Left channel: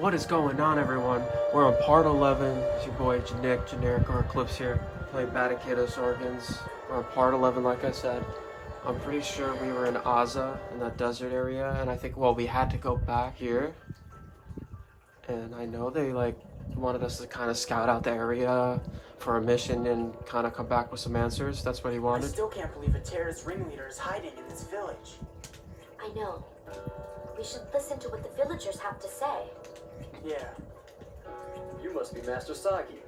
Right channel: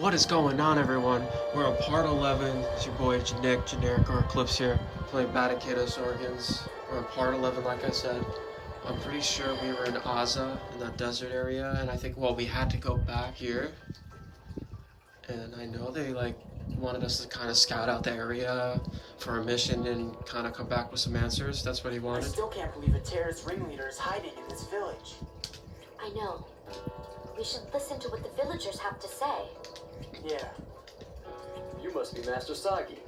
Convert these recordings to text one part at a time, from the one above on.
What is going on, everyone? We're on part 11. It's your boy Generic or Eclipse here, playing Baten Kaitos organs. We're on part 11, like I said. I'm pretty sure we were in Aza, in that desert area, and I think, well, we had to go back here. And I know they, wanted us to kind of scout out the area for a mission and kind of come back with some answers. That's what he wanted. I still can't believe a terrorist ringleader is hiding in this village. I know. We should listen to what the villagers have to say. Yeah. You must be Master Sagi.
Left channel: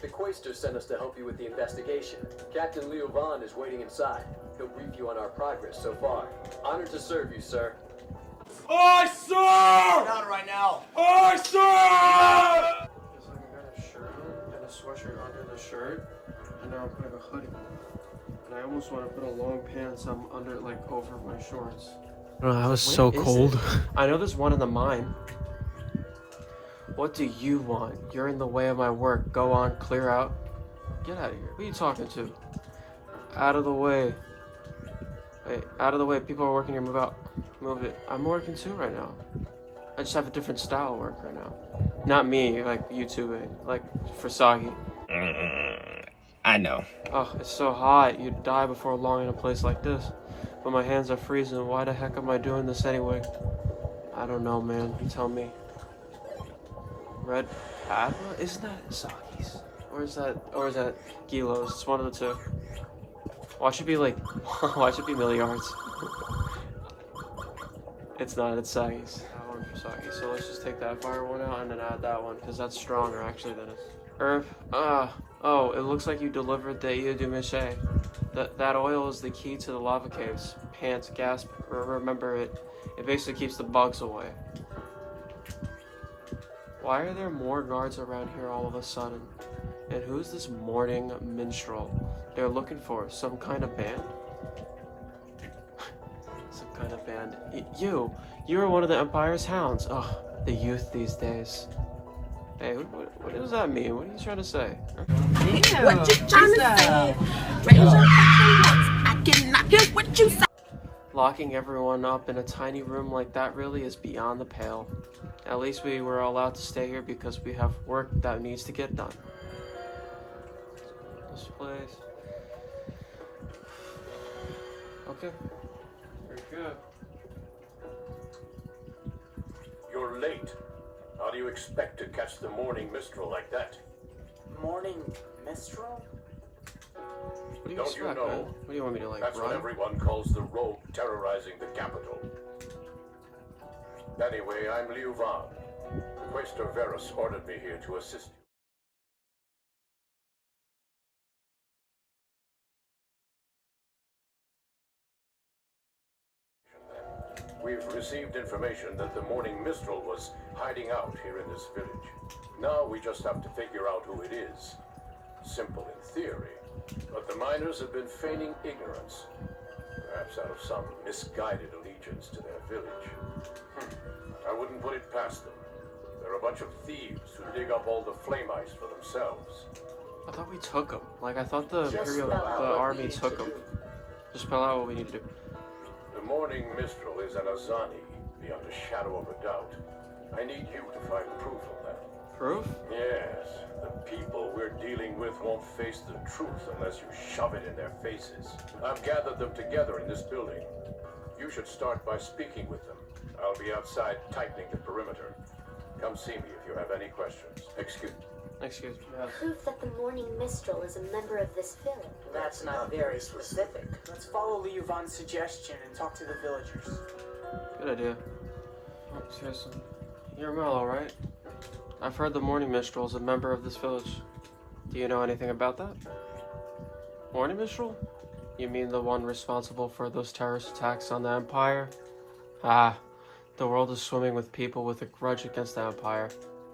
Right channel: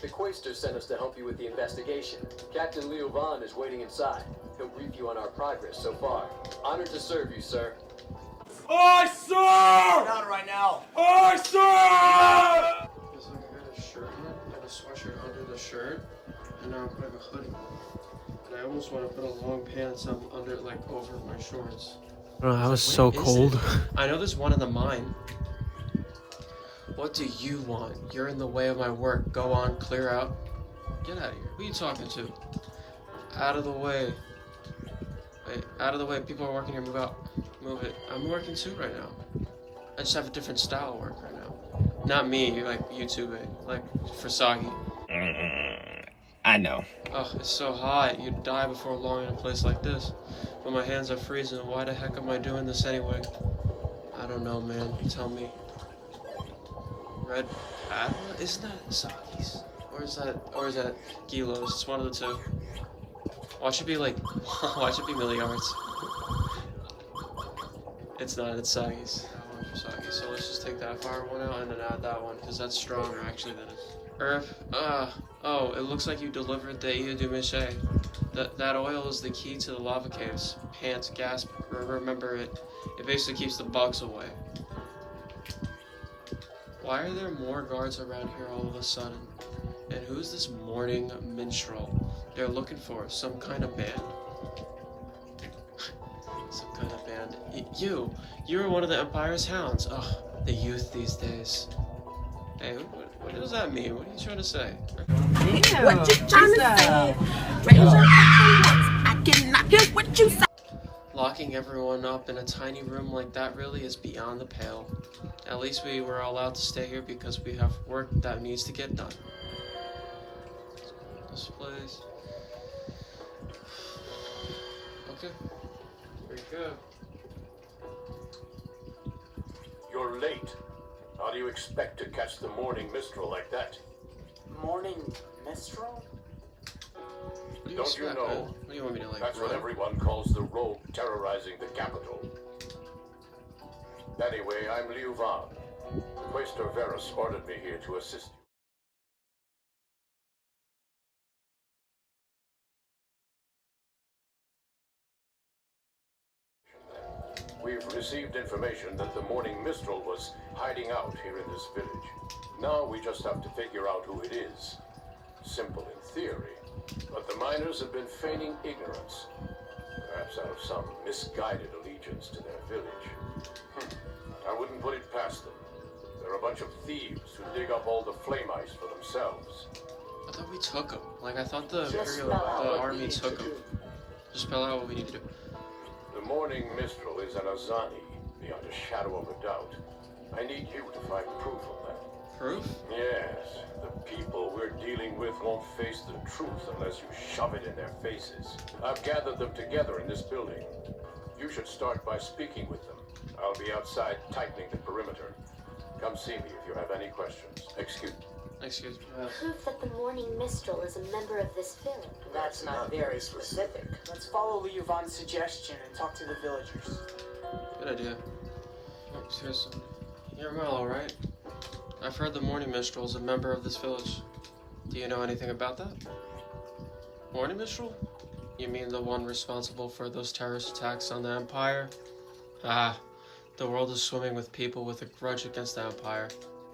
The Quaestor sent us to help you with the investigation. Captain Leo Vaughn is waiting inside. He'll brief you on our progress so far. Honored to serve you, sir. Aye, sir! Not right now. Aye, sir! Because I'm wearing a shirt and a sweatshirt under the shirt, and now I'm putting a hoodie. And I almost want to put a long pants on under, over my shorts. Oh, that was so cold. I know there's one in the mine. What do you want? You're in the way of my work. Go on, clear out. Get out of here. Who are you talking to? Out of the way. Hey, out of the way. People are working here. Move out. Move it. I'm working too right now. I just have a different style of work right now. Not me, like YouTubing. Like for Sagi. I know. Oh, it's so hot. You'd die before long in a place like this. But my hands are freezing. Why the heck am I doing this anyway? I don't know, man. Tell me. Red Padma? Isn't that Sagi's? Or is that Gilo's? It's one of the two. Watch it be watch it be milliards. It's not, it's Sagi's. That one for Sagi. So let's just take that fire one out and then add that one, because that's stronger actually than this. Herb, oh, it looks like you delivered the Ia du Miche. That oil is the key to the lava caves. Pant, gasp, remember it. It basically keeps the bugs away. Why are there more guards around here all of a sudden? And who's this morning minstrel? They're looking for some kind of band. Some kind of band. You're one of the Empire's hounds. Ugh, the youth these days. Hey, what does that mean? What are you trying to say? Yeah, what you trying to say? Raise your fucking voice. I cannot hear what you say. Locking everyone up in a tiny room like that really is beyond the pale. At least we were allowed to stay here because we have work that needs to get done. This place. Okay. Very good. You're late. How do you expect to catch the morning mistral like that? Morning Mistral? What do you Don't expect, you know? man? What do you want me to That's run? what everyone calls the rogue terrorizing the capital. Anyway, I'm Liu Van. Quaestor Verus ordered me here to assist you. We've received information that the morning mistral was hiding out here in this village. Now we just have to figure out who it is. Simple in theory, but the miners have been feigning ignorance, perhaps out of some misguided allegiance to their village. I wouldn't put it past them. They're a bunch of thieves who dig up all the flame ice for themselves. I thought we took them. I thought the Just spell out what we army need took to them. do. Just spell out what we need to do. The morning mistral is an Azani, beyond a shadow of a doubt. I need you to find proof of that. Proof? Yes, the people we're dealing with won't face the truth unless you shove it in their faces. I've gathered them together in this building. You should start by speaking with them. I'll be outside tightening the perimeter. Come see me if you have any questions. Excuse me. Excuse me. Proof that the morning minstrel is a member of this village. That's not very specific. Let's follow Liu Van's suggestion and talk to the villagers. Good idea. Excuse me. You're Mellow, right? I've heard the Morning Minstrel is a member of this village. Do you know anything about that? Morning Minstrel? You mean the one responsible for those terrorist attacks on the Empire? Ah, the world is swimming with people with a grudge against the Empire.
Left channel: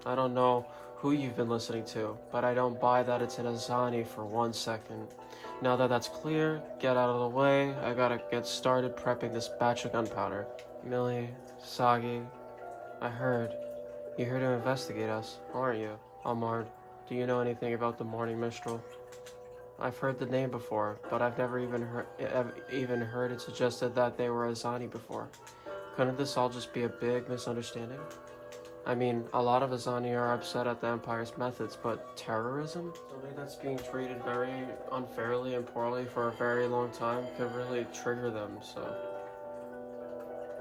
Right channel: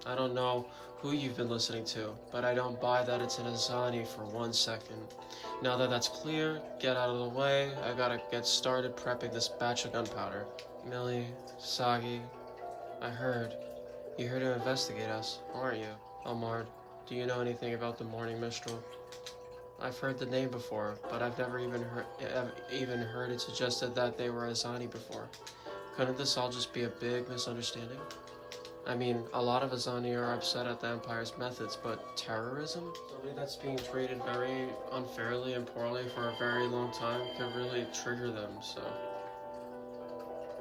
I don't know who you've been listening to, but I don't buy that it's an Azani for 1 second. Now that that's clear, get out of the way. I gotta get started prepping this batch of gunpowder. Millie, Sagi, I heard. You're here to investigate us, aren't you? Ahmad, do you know anything about the Morning Mistral? I've heard the name before, but I've never even heard it suggested that they were Azani before. Couldn't this all just be a big misunderstanding? I mean, a lot of Azani are upset at the Empire's methods, but terrorism? Something that's being treated very unfairly and poorly for a very long time could really trigger them, so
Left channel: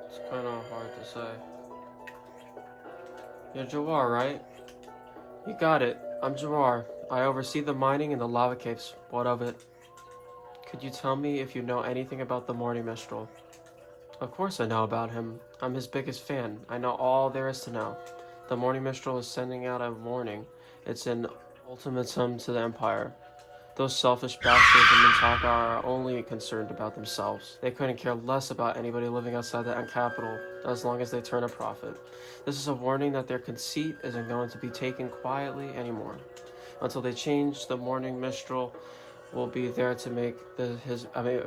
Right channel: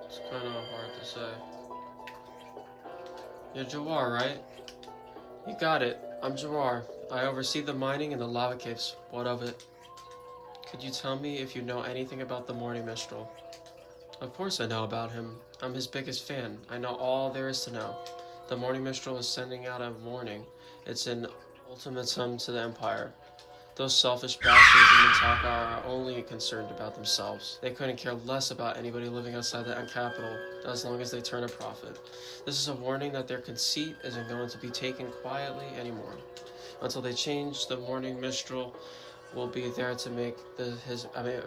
it's kind of hard to say. You're Jawar, right? You got it. I'm Jawar. I oversee the mining in the lava caves. What of it? Could you tell me if you know anything about the Morning Mistral? Of course I know about him. I'm his biggest fan. I know all there is to know. The Morning Mistral is sending out a warning. It's an ultimatum to the Empire. Those selfish bastards in Mintaka are only concerned about themselves. They couldn't care less about anybody living outside the capital as long as they turn a profit. This is a warning that their conceit isn't going to be taken quietly anymore. Until they change, the Morning Mistral will be there to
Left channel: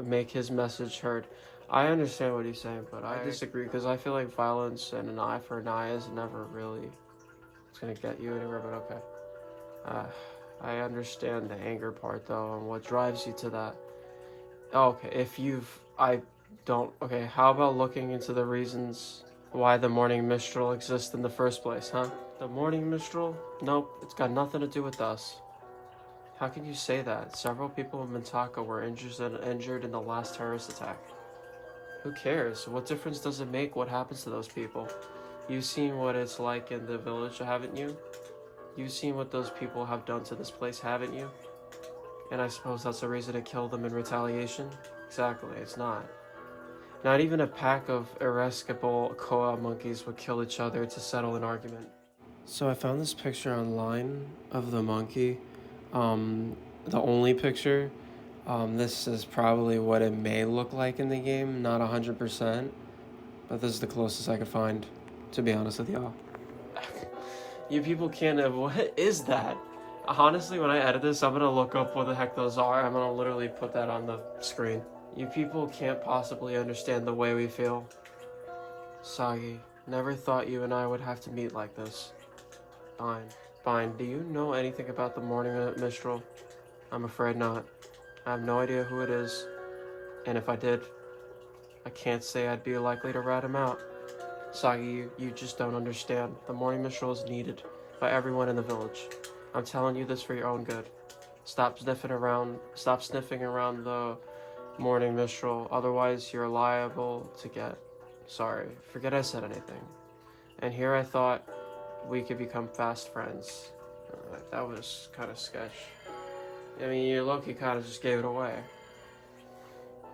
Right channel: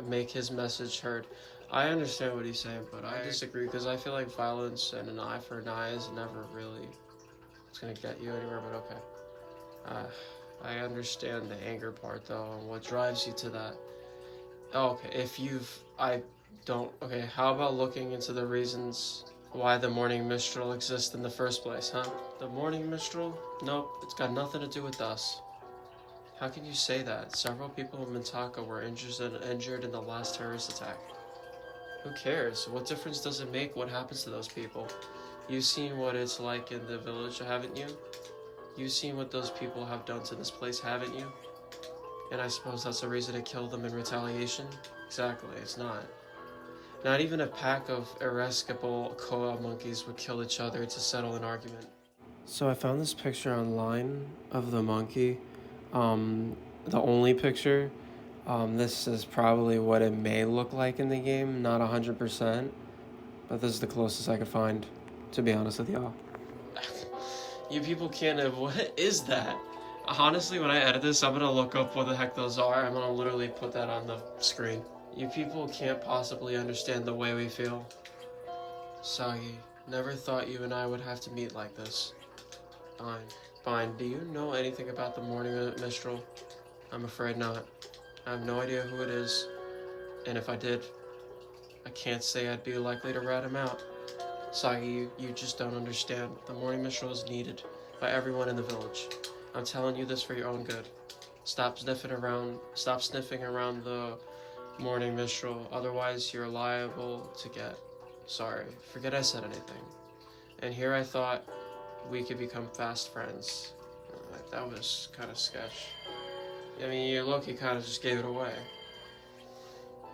make his message heard. I understand what he's saying, but I disagree because I feel like violence and an eye for an eye is never really gonna get you anywhere. But okay, I understand the anger part though, and what drives you to that. Okay, okay. How about looking into the reasons why the Morning Mistral exists in the first place, huh? The Morning Mistral? Nope, it's got nothing to do with us. How can you say that? Several people in Mintaka were injured in the last terrorist attack. Who cares? What difference does it make what happens to those people? You've seen what it's like in the village, haven't you? You've seen what those people have done to this place, haven't you? And I suppose that's a reason to kill them in retaliation? Exactly, it's not. Not even a pack of irascible koa monkeys would kill each other to settle an argument. So I found this picture online of the monkey. The only picture. This is probably what it may look like in the game, not 100%, but this is the closest I could find, to be honest with y'all. You people can't have, what is that? Honestly, when I edit this, I'm gonna look up what the heck those are. I'm gonna literally put that on the screen. You people can't possibly understand the way we feel. Sagi, never thought you and I would have to meet like this. Fine. Do you know anything about the Morning Mistral? I'm afraid not. I have no idea who it is, and if I did, I can't say I'd be likely to rat him out. Sagi, you just don't understand. The Morning Mistral is needed by everyone in the village. I'm telling you this for your own good. Stop sniffing around the Morning Mistral, otherwise you're liable to get... Sorry, forget I said anything. And here I thought we could become fast friends. That was kind of sketch. I mean, you lucky kind of just gave it away.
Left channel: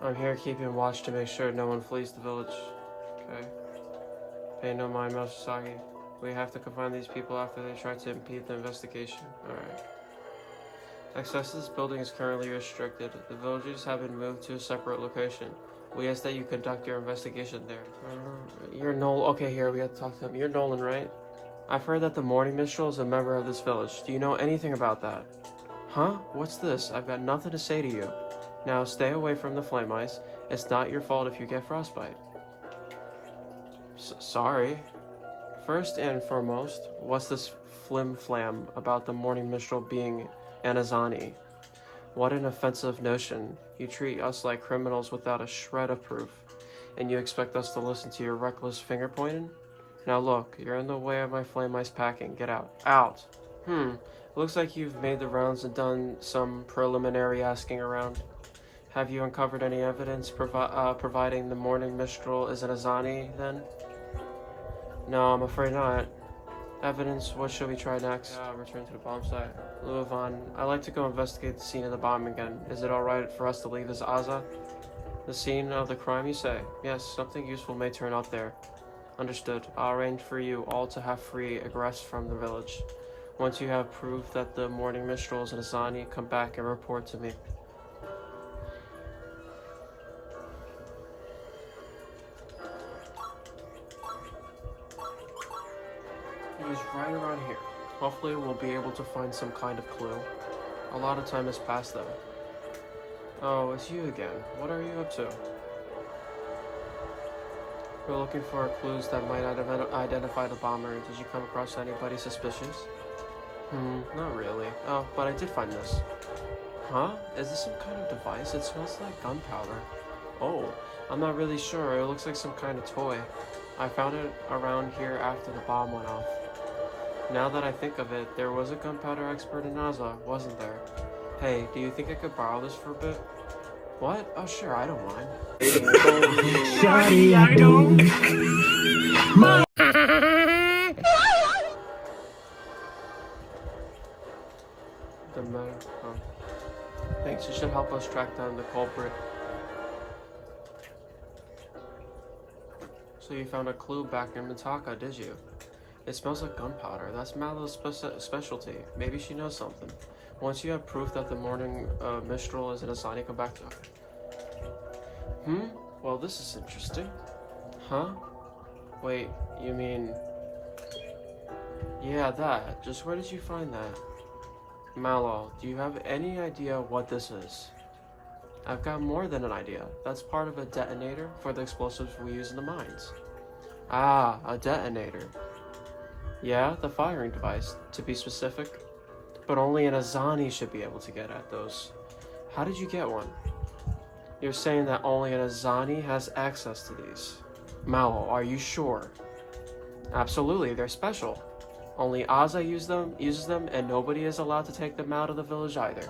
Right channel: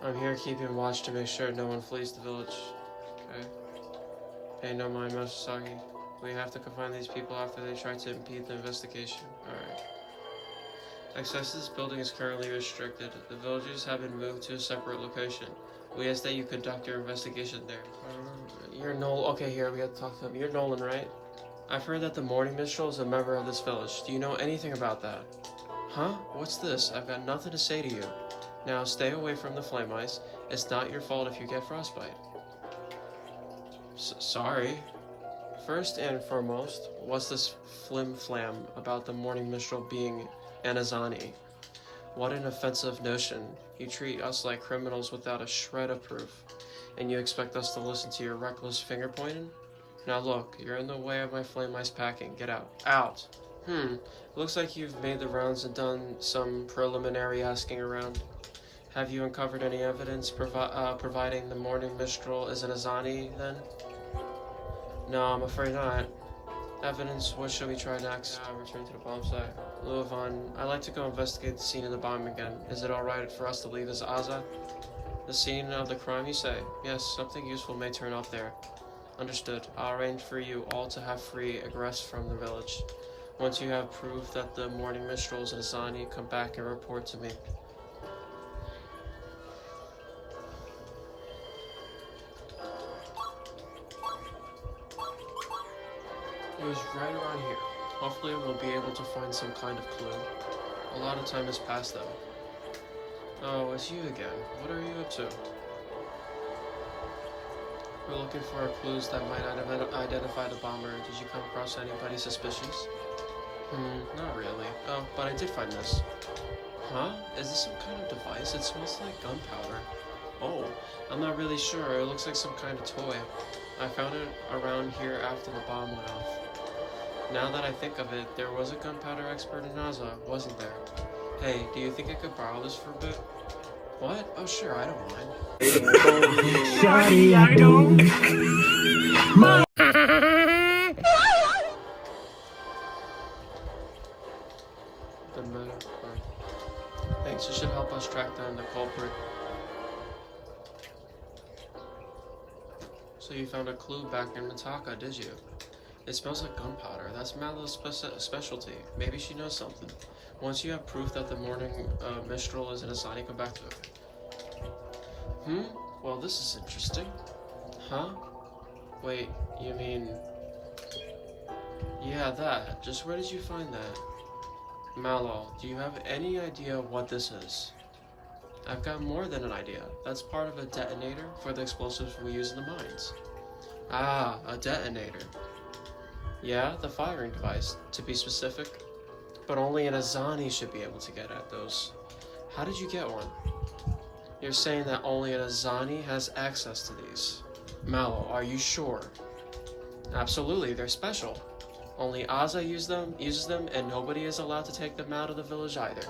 I'm here keeping watch to make sure no one flees the village. Okay? Pay no mind, Master Sagi. We have to confine these people after they try to impede the investigation. Alright. Access to this building is currently restricted. The villagers have been moved to a separate location. We ask that you conduct your investigation there. You're Nolan. Okay, here, we have to talk to him. You're Nolan, right? I've heard that the Morning Mistral is a member of this village. Do you know anything about that? Huh? What's this? I've got nothing to say to you. Now stay away from the flame ice. It's not your fault if you get frostbite. Sorry. First and foremost, what's this flim-flam about the Morning Mistral being an Azani? What an offensive notion. You treat us like criminals without a shred of proof, and you expect us to listen to your reckless finger-pointing? Now look, you're in the way of my flame ice packing. Get out. Out! Looks like you've made the rounds and done some preliminary asking around. Have you uncovered any evidence providing the Morning Mistral is an Azani, then? No, I'm afraid not. Evidence? What should we try next? Return to the bomb site. Luvan, I'd like to go investigate the scene of the bomb again. Is it alright for us to leave as Aza? The scene of the crime, you say? Yes, something useful may turn up there. Understood. I'll arrange for you all to have free egress from the village. Once you have proof that the Morning Mistral is an Azani, come back and report to me. It was right around here. Hopefully we'll be able to find some kind of clue. A lot of time has passed though. Oh, it's you again. What are you up to? We're looking for clues that might identify the bomber. Did you come across anybody suspicious? Not really. Oh, but I did find this. Huh? Is this some kind of device? It smells like gunpowder. Oh, I'm not really sure. It looks like some kind of toy. I found it around here after the bomb went off. Now that I think of it, there was a gunpowder expert in Naza, wasn't there? Hey, do you think I could borrow this for a bit? What? Oh sure, I don't mind. Shawty, I don't. Doesn't matter. Thanks, you should help us track down the culprit. So you found a clue back in Mitaka, did you? It smells like gunpowder. That's Mallow's specialty. Maybe she knows something. Once you have proof that the morning Mistral is in a sign, come back to her. Well, this is interesting. Huh? Wait, you mean... Yeah, that. Just where did you find that? Mallow, do you have any idea what this is? I've got more than an idea. That's part of a detonator for the explosives we use in the mines. Ah, a detonator. Yeah, the firing device, to be specific. But only an Azani should be able to get at those. How did you get one? You're saying that only an Azani has access to these. Mallow, are you sure? Absolutely, they're special. Only Aza uses them, and nobody is allowed to take them out of the village either.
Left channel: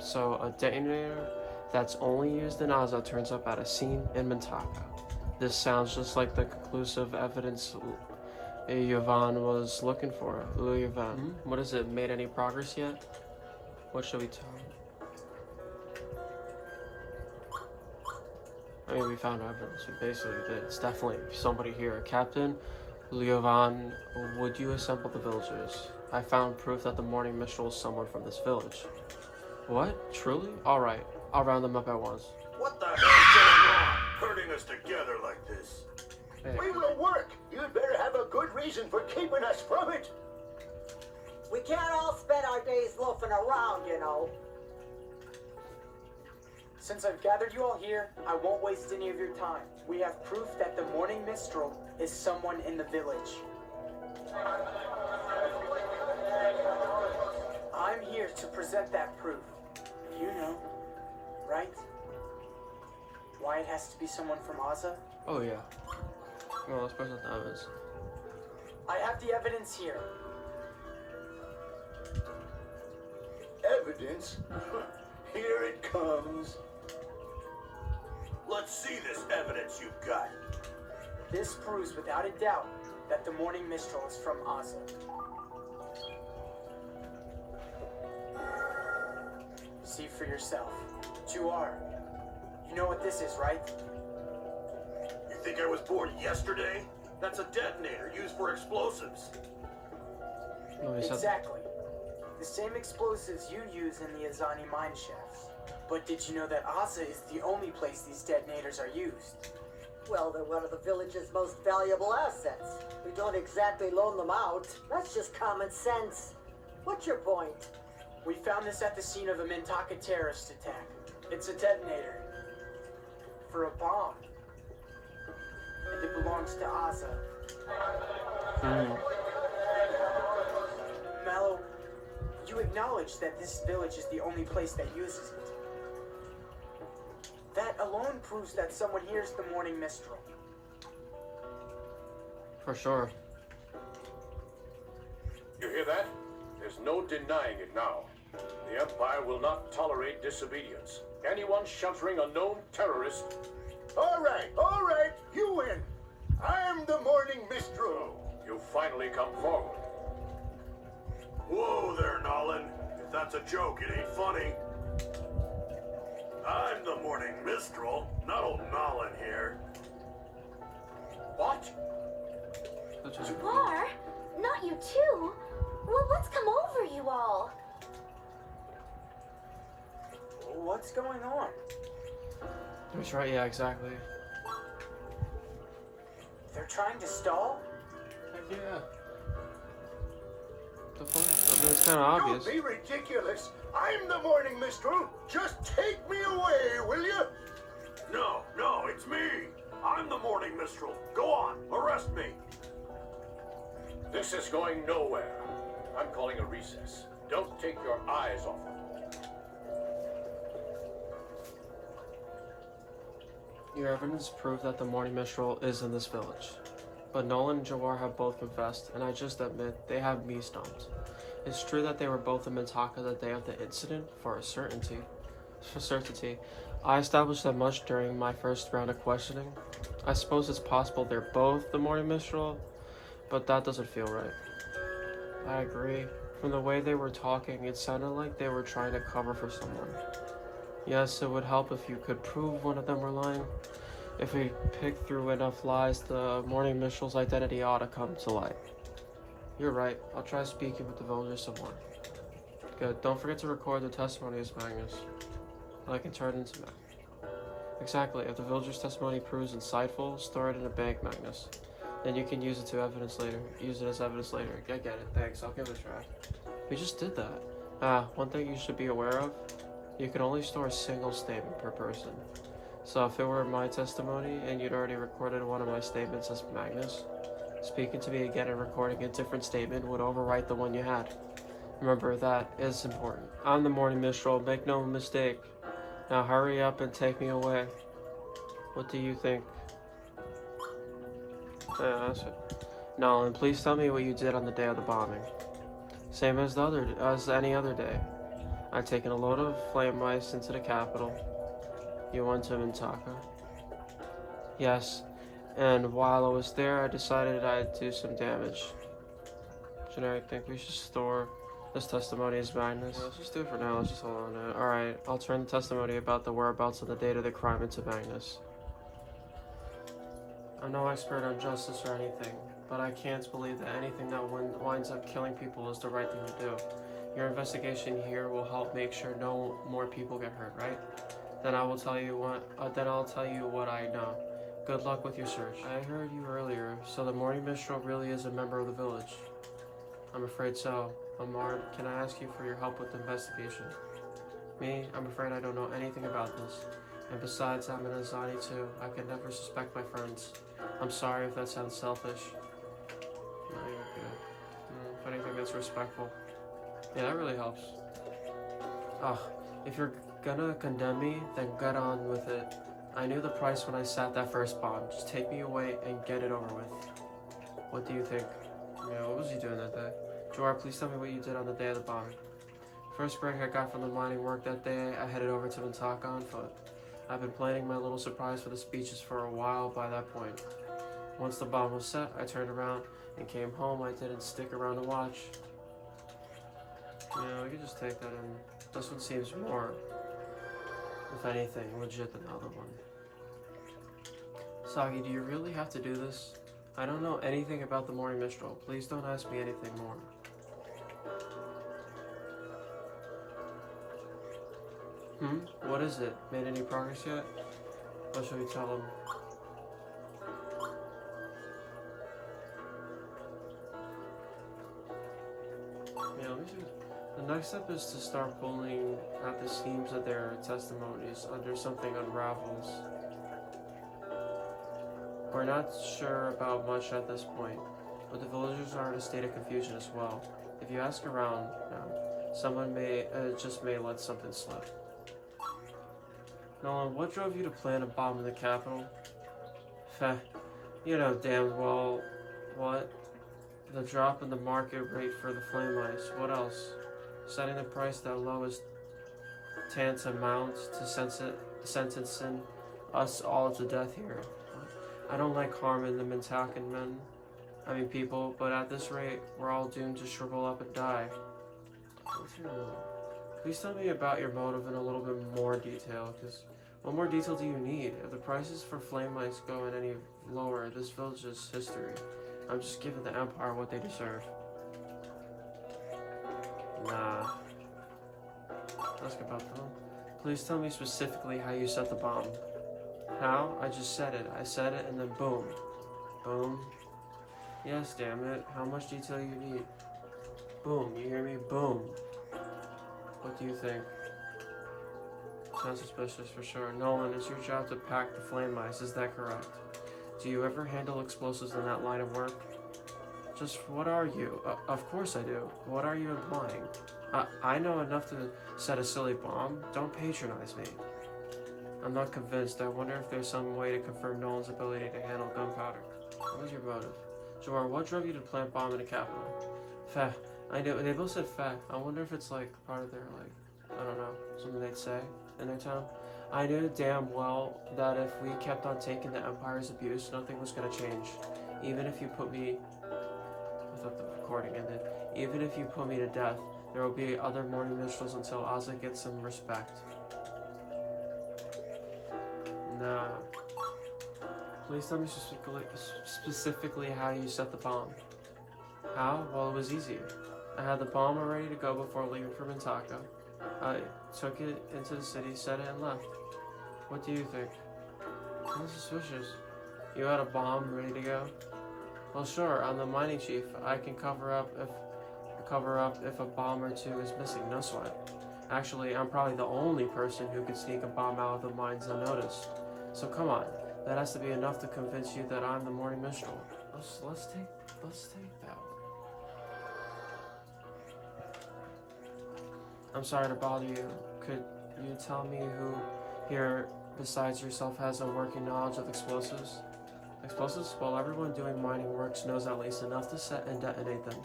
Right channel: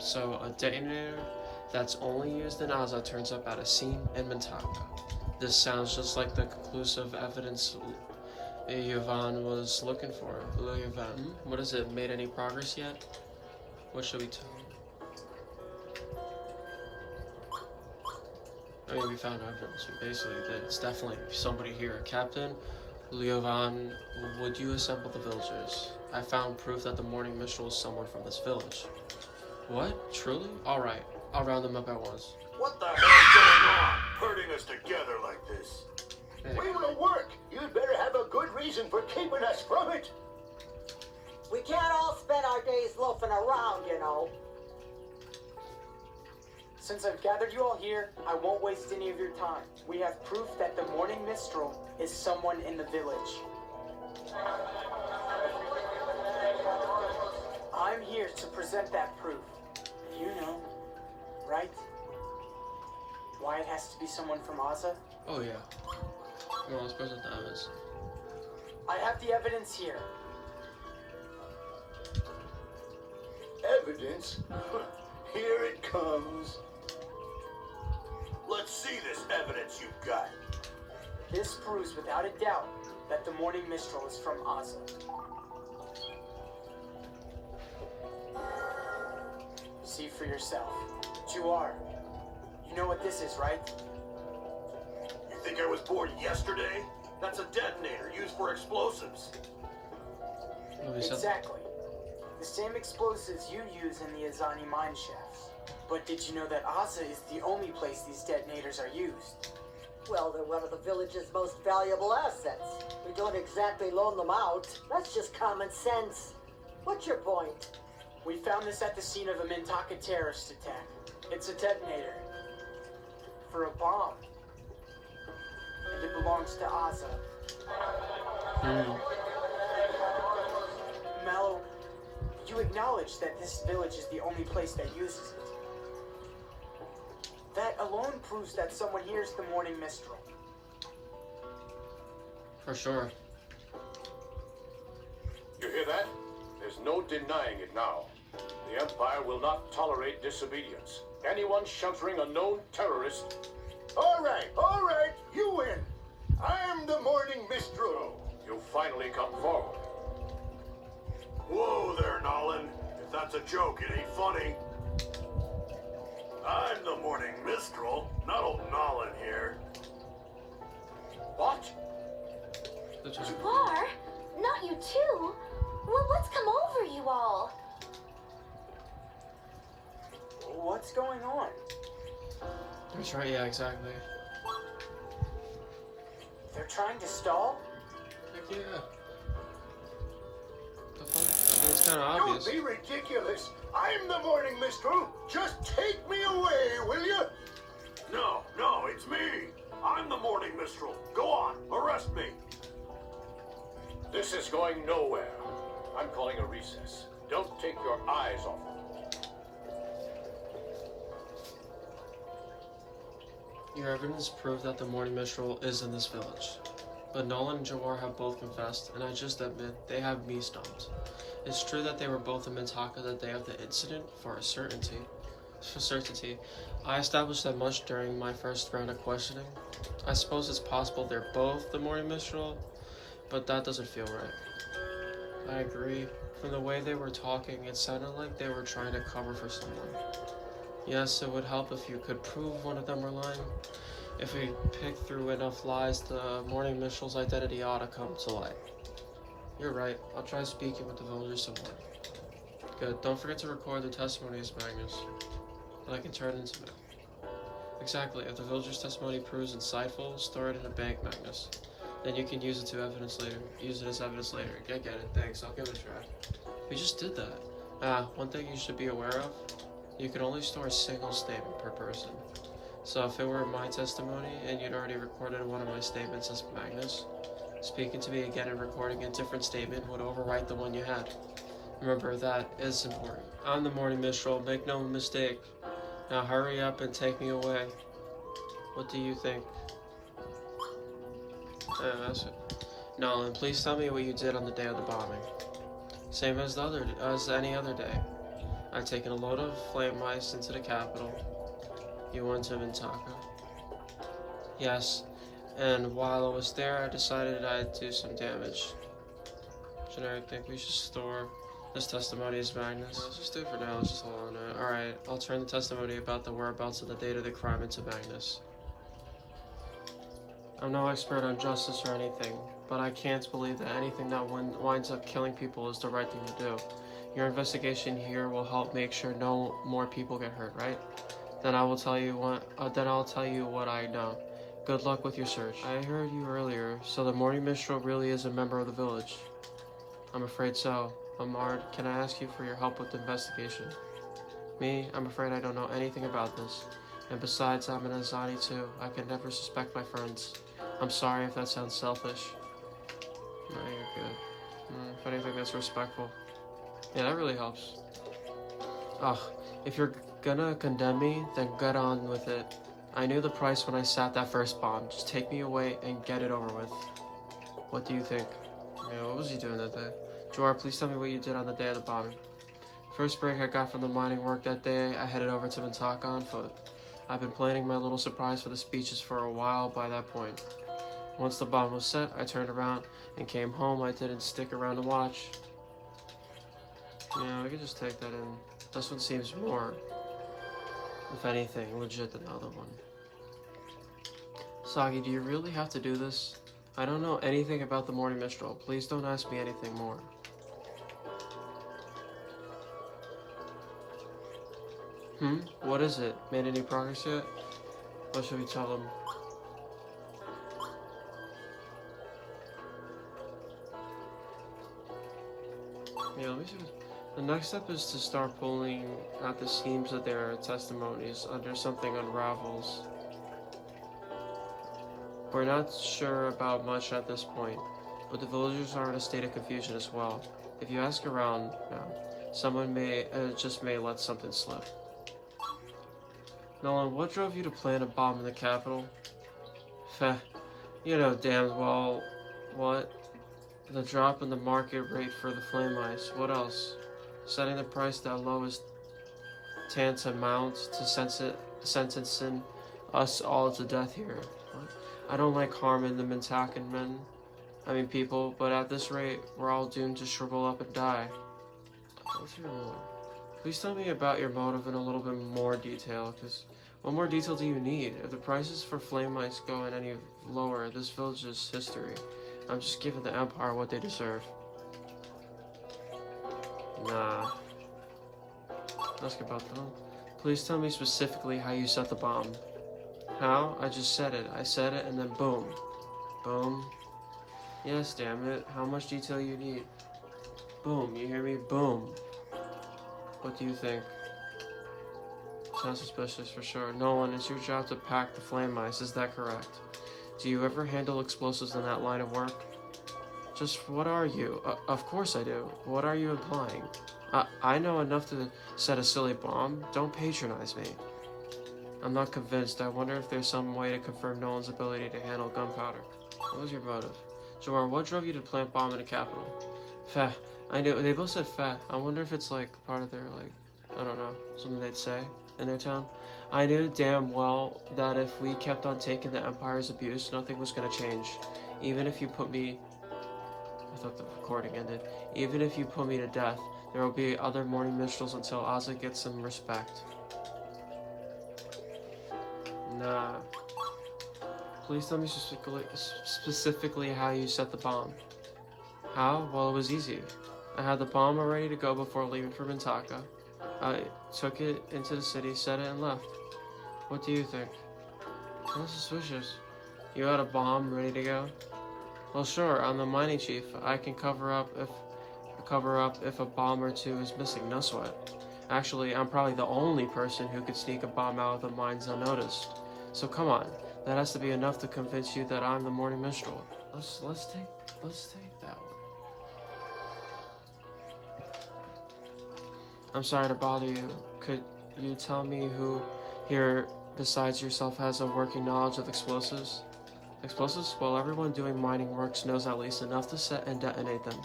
So a detonator that's only used in Aza turns up at a scene in Mintaka. This sounds just like the conclusive evidence Yvonne was looking for. Yvonne, what is it? Made any progress yet? What should we tell her? I mean, we found evidence. Basically, it's definitely somebody here. Captain Leovan, would you assemble the villagers? I found proof that the morning Mistral is somewhere from this village. What? Truly? Alright, I'll round them up at once. What the hell's going on? Herding us together like this. Hey. We will work. You'd better have a good reason for keeping us from it. We can't all spend our days loafing around, you know. Since I've gathered you all here, I won't waste any of your time. We have proof that the morning Mistral is someone in the village. I'm here to present that proof. You know, right? Why it has to be someone from Aza? Oh yeah. Well, let's present the evidence. I have the evidence here. Evidence? Here it comes. Let's see this evidence you've got. This proves without a doubt that the morning Mistral is from Aza. See for yourself. But you are. You know what this is, right? You think I was born yesterday? That's a detonator used for explosives. Oh, he said- Exactly. The same explosives you use in the Azani mine shafts. But did you know that Aza is the only place these detonators are used? Well, they're one of the village's most valuable assets. We don't exactly loan them out. That's just common sense. What's your point? We found this at the scene of a Mintaka terrorist attack. It's a detonator. For a bomb. And it belongs to Aza. Mallow, you acknowledge that this village is the only place that uses it. That alone proves that someone here is the morning Mistral. For sure. You hear that? There's no denying it now. The Empire will not tolerate disobedience. Anyone sheltering a known terrorist... All right, you win. I'm the morning Mistral. You finally come forward. Whoa there, Nolan. If that's a joke, it ain't funny. I'm the morning Mistral, not old Nolan here. What? That's You right. are? Not you too? Well, what's come over you all? What's going on? That's right, yeah, exactly. They're trying to stall? Heck yeah. The fuck? I mean, it's kind of Don't obvious. be ridiculous. I'm the morning Mistral. Just take me away, will you? No, it's me. I'm the morning Mistral. Go on, arrest me. This is going nowhere. I'm calling a recess. Don't take your eyes off it. Your evidence proved that the morning Mistral is in this village. But Nolan and Jawar have both confessed, and I just admit they have me stumped. It's true that they were both in Mintaka the day of the incident, for a certainty. I established that much during my first round of questioning. I suppose it's possible they're both the Morning Mistral, but that doesn't feel right. I agree. From the way they were talking, it sounded like they were trying to cover for someone. Yes, it would help if you could prove one of them were lying. If we pick through enough lies, the Morning Mistral's identity ought to come to light. You're right. I'll try speaking with the villagers some more. Good. Don't forget to record the testimonies, Magnus. That I can turn into them. Exactly. If the villagers' testimony proves insightful, store it in a bank, Magnus. Then you can use it as evidence later. I get it. Thanks. I'll give it a try. We just did that. One thing you should be aware of. You can only store a single statement per person. So if it were my testimony and you'd already recorded one of my statements as Magnus, speaking to me again and recording a different statement would overwrite the one you had. Remember, that is important. I'm the Morning Mistral, make no mistake. Now hurry up and take me away. What do you think? Yeah, that's it. Nolan, please tell me what you did on the day of the bombing. Same as any other day. I'd taken a load of flame mice into the capital. You went to Mintaka. Yes, and while I was there, I decided I'd do some damage. Generic, think we should store this testimony as Magnus. Let's just do it for now. Let's just hold on to it. Alright, I'll turn the testimony about the whereabouts of the date of the crime into Magnus. I'm no expert on justice or anything, but I can't believe that anything that winds up killing people is the right thing to do. Your investigation here will help make sure no more people get hurt, right? Then I'll tell you what I know. Good luck with your search. I heard you earlier, so the Morning Mistral really is a member of the village. I'm afraid so. Amard, can I ask you for your help with the investigation? Me? I'm afraid I don't know anything about this. And besides, I'm an Azani too. I could never suspect my friends. I'm sorry if that sounds selfish. No, you're good. If anything, that's respectful. Yeah, that really helps. Ugh, if you're gonna condemn me, then get on with it. I knew the price when I sat that first bomb. Just take me away and get it over with. What do you think? Yeah, what was he doing that day? Jawar, please tell me what you did on the day of the bombing. First break I got from the mining work that day, I headed over to Mintaka on foot. I've been planning my little surprise for the speeches for a while by that point. Once the bomb was set, I turned around and came home. I didn't stick around to watch. Yeah, we can just take that in. This one seems more, if anything, legit than the other one. Sagi, do you really have to do this? I don't know anything about the Morning Mistral. Please don't ask me anything more. What is it? Made any progress yet? What should we tell them? Yeah, let me see. The next step is to start pulling at the seams of their testimonies until something unravels. We're not sure about much at this point, but the villagers are in a state of confusion as well. If you ask around, someone may let something slip. Nolan, what drove you to plan a bomb in the capital? Feh, you know damn well what. The drop in the market rate for the flame ice. What else? Setting the price that low is tantamount to sentencing us all to death here. I don't like harming the Mintakan people, but at this rate, we're all doomed to shrivel up and die. What's your motive? Please tell me about your motive in a little bit more detail, because what more detail do you need? If the prices for flame ice go any lower, this village's history. I'm just giving the Empire what they deserve. Nah. Ask about them. Please tell me specifically how you set the bomb. How? I just said it. I said it and then boom. Boom. Yes, damn it. How much detail you need? Boom. You hear me? Boom. What do you think? Sounds suspicious for sure. Nolan, it's your job to pack the flame ice. Is that correct? Do you ever handle explosives in that line of work? Just what are you? Of course I do. What are you implying? I know enough to set a silly bomb. Don't patronize me. I'm not convinced. I wonder if there's some way to confirm Nolan's ability to handle gunpowder. What was your motive? Jamar, what drove you to plant bomb in the capital? Feh. I know, they both said feh. I wonder if it's like part of their, like, I don't know, something they'd say in their town. I knew damn well that if we kept on taking the Empire's abuse, nothing was gonna change. Even if you put me... I thought the recording ended. Even if you put me to death, there will be other morning minstrels until Ozzy gets some respect. Nah. Please tell me specifically how you set the bomb. How? Well, it was easy. I had the bomb all ready to go before leaving for Mintaka. I took it into the city, set it, and left. What do you think? That's suspicious. You had a bomb ready to go? Well, sure. I'm the mining chief. I can cover up if a bomb or two is missing. No sweat. Actually, I'm probably the only person who could sneak a bomb out of the mines unnoticed. So come on. That has to be enough to convince you that I'm the morning minstrel. Let's take that one. I'm sorry to bother you. Could you tell me who here besides yourself has a working knowledge of explosives? Explosives? Well, everyone doing mining works knows at least enough to set and detonate them.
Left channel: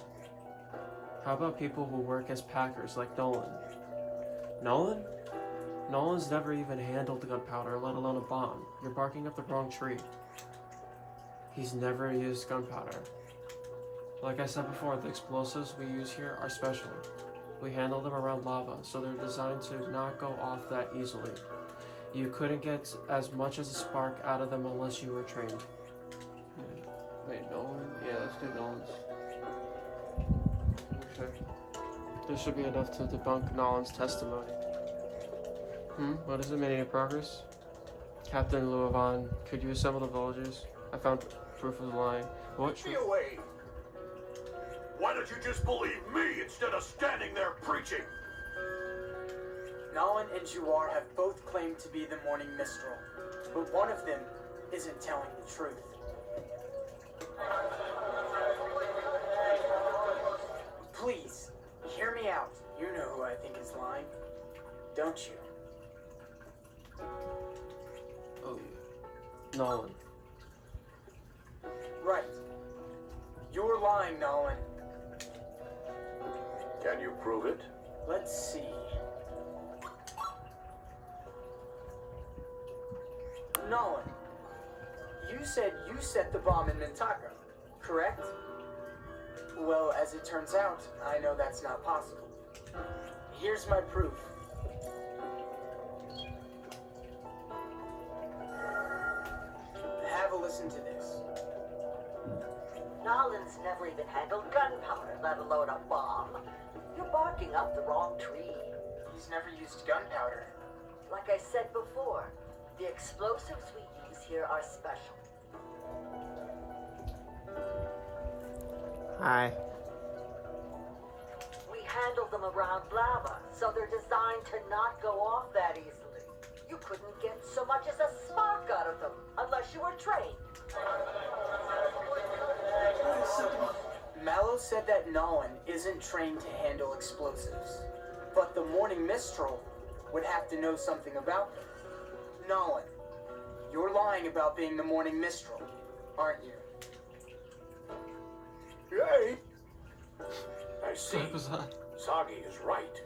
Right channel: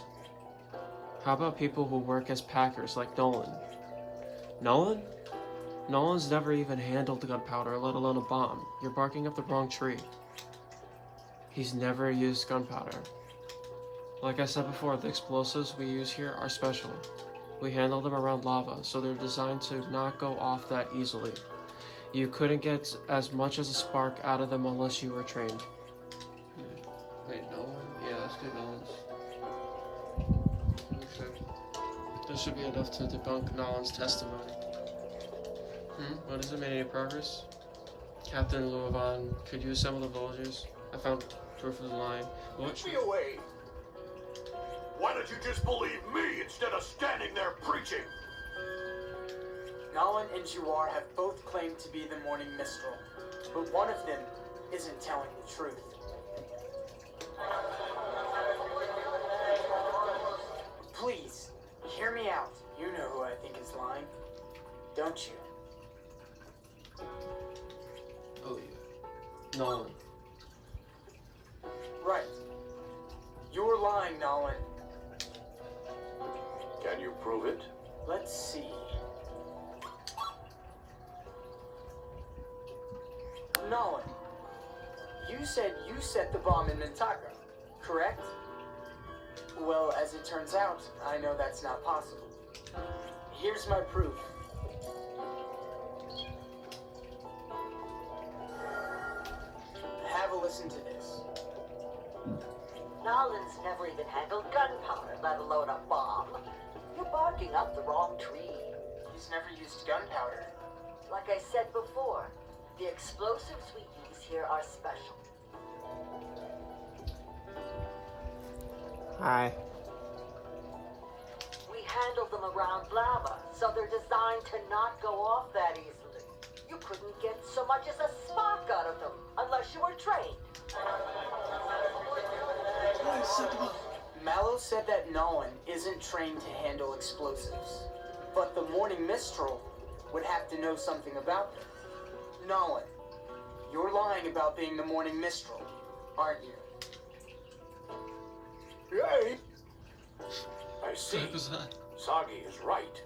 How about people who work as packers like Nolan? Nolan? Nolan's never even handled gunpowder, let alone a bomb. You're barking up the wrong tree. He's never used gunpowder. Like I said before, the explosives we use here are special. We handle them around lava, so they're designed to not go off that easily. You couldn't get as much as a spark out of them unless you were trained. Wait, Nolan? Yeah, let's do Nolan's. This should be enough to debunk Nolan's testimony. What is it? Made any progress? Captain Luovan, could you assemble the villagers? I found proof of the lying. What? Get me away! Why don't you just believe me instead of standing there preaching? Nolan and Juar have both claimed to be the Morning Mistral, but one of them isn't telling the truth. Please, hear me out. You know who I think is lying, don't you? Oh yeah. Nolan. Right. You're lying, Nolan. Can you prove it? Let's see. Nolan, you said you set the bomb in Mintaka, correct? Well, as it turns out, I know that's not possible. Here's my proof. Have a listen to this. Nolan's never even handled gunpowder, let alone a bomb. You're barking up the wrong tree. He's never used gunpowder. Like I said before, the explosives we use here are special. Hi. We handle them around lava, so they're designed to not go off that easily. You couldn't get so much as a spark out of them unless you were trained. Mallow said that Nolan isn't trained to handle explosives, but the Morning Mistral would have to know something about them. Nolan, you're lying about being the Morning Mistral, aren't you? Hey! I see. What was that? Sagi is right.